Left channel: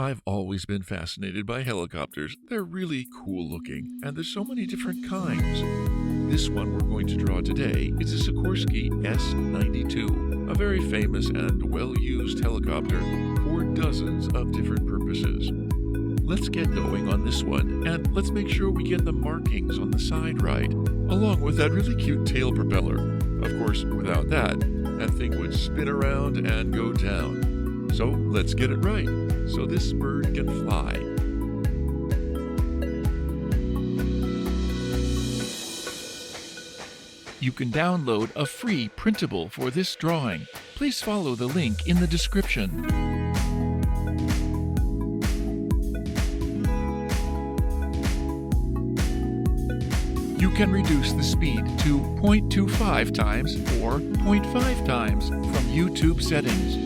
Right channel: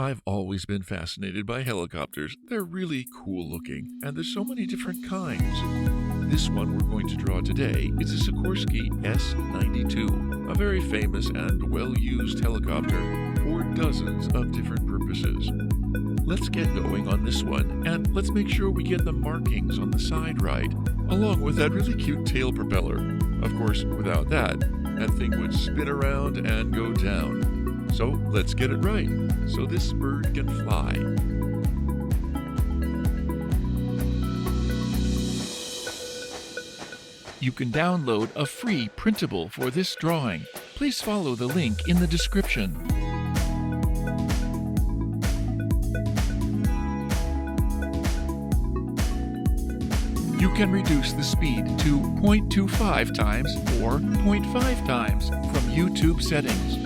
I've always been fascinated by helicopters. They're really cool looking, and there's so many different kinds. This one we're going to draw today is a Sikorsky S-92, a very famous and well-used helicopter for dozens of different purposes. Let's get going on this one, and let's make sure we get the markings on the side right, along with that really cute tail propeller. Of course, without that thing would spin around and go down. So let's get it right, so this bird can fly. You can download a free printable for this drawing. Please follow the link in the description. You can reduce the speed to 0.25 times or 0.5 times from YouTube settings.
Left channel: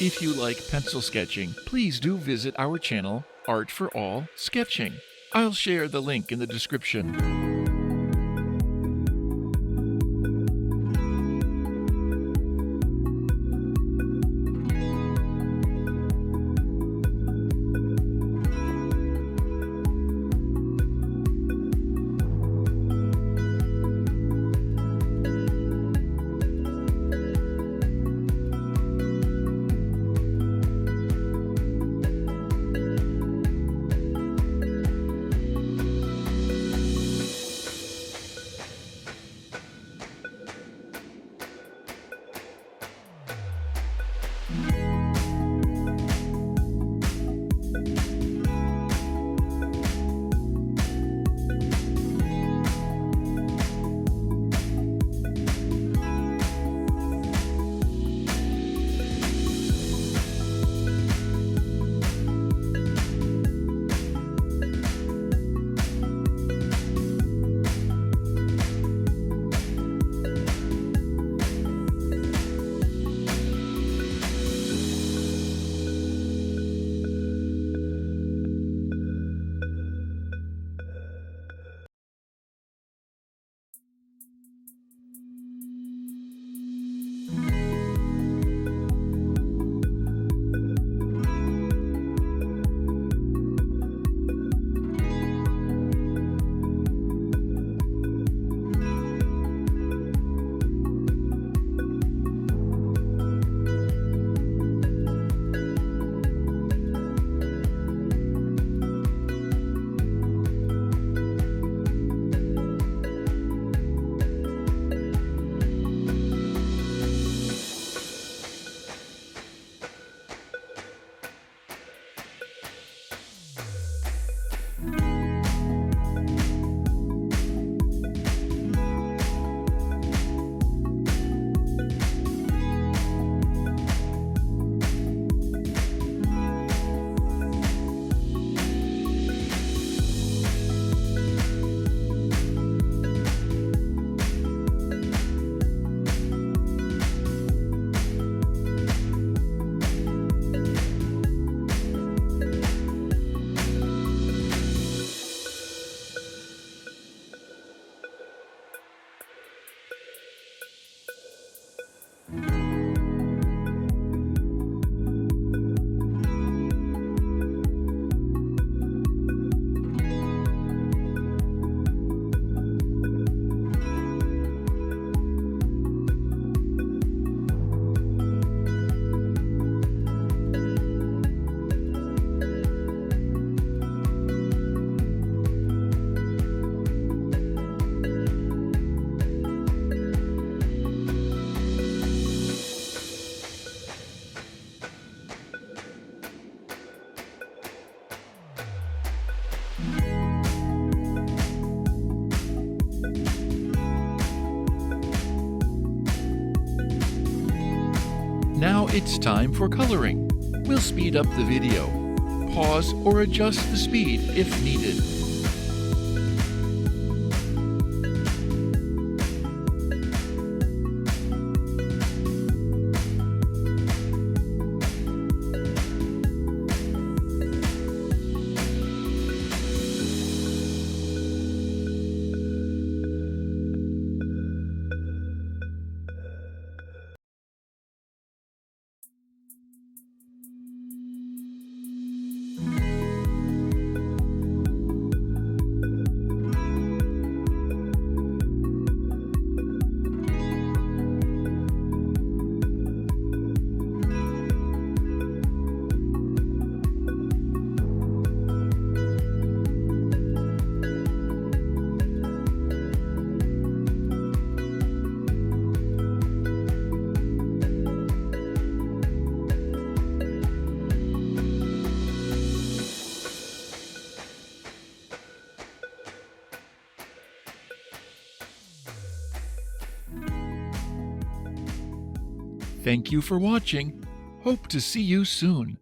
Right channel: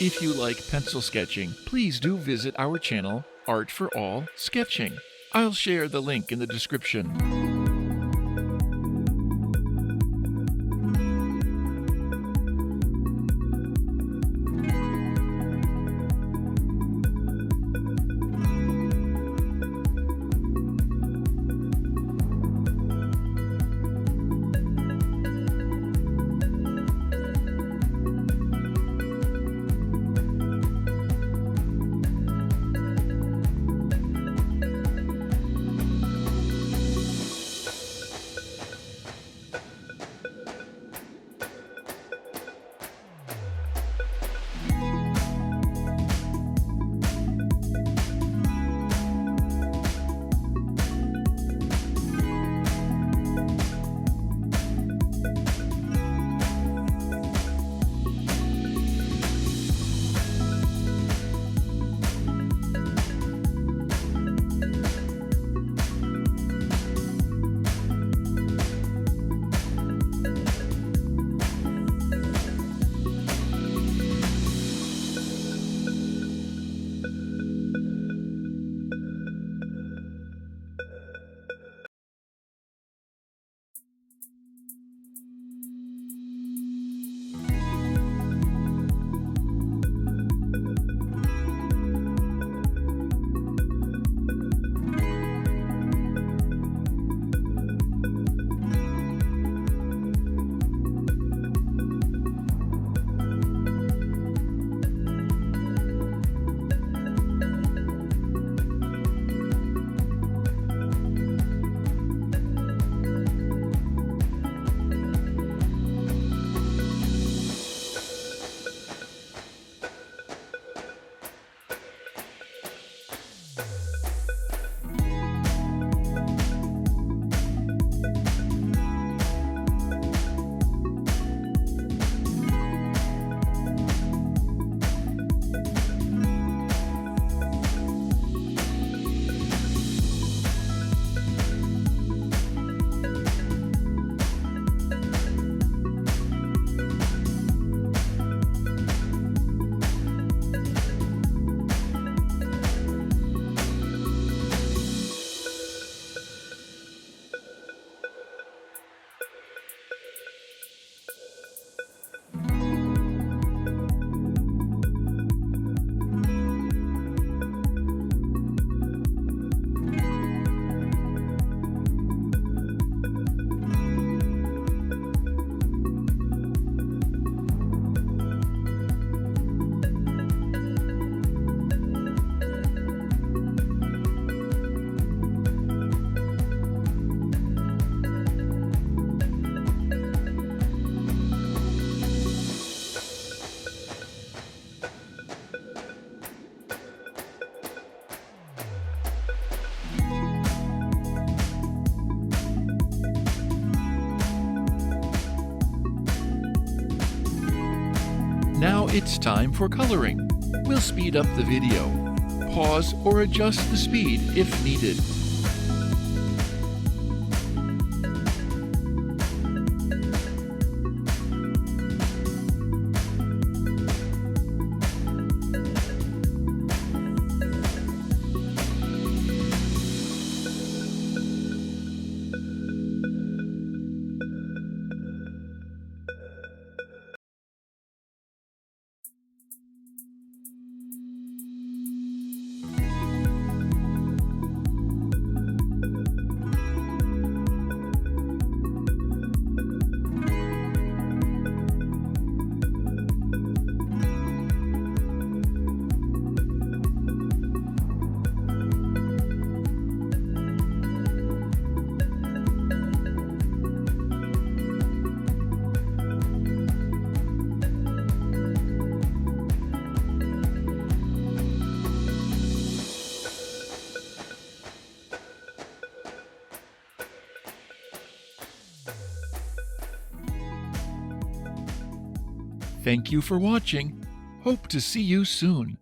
If you like pencil sketching, please do visit our channel, Art for All Sketching. I'll share the link in the description. Now it's time for coloring. We'll speed up the video. Pause or adjust the speed if needed. Thank you for watching. Hope to see you soon.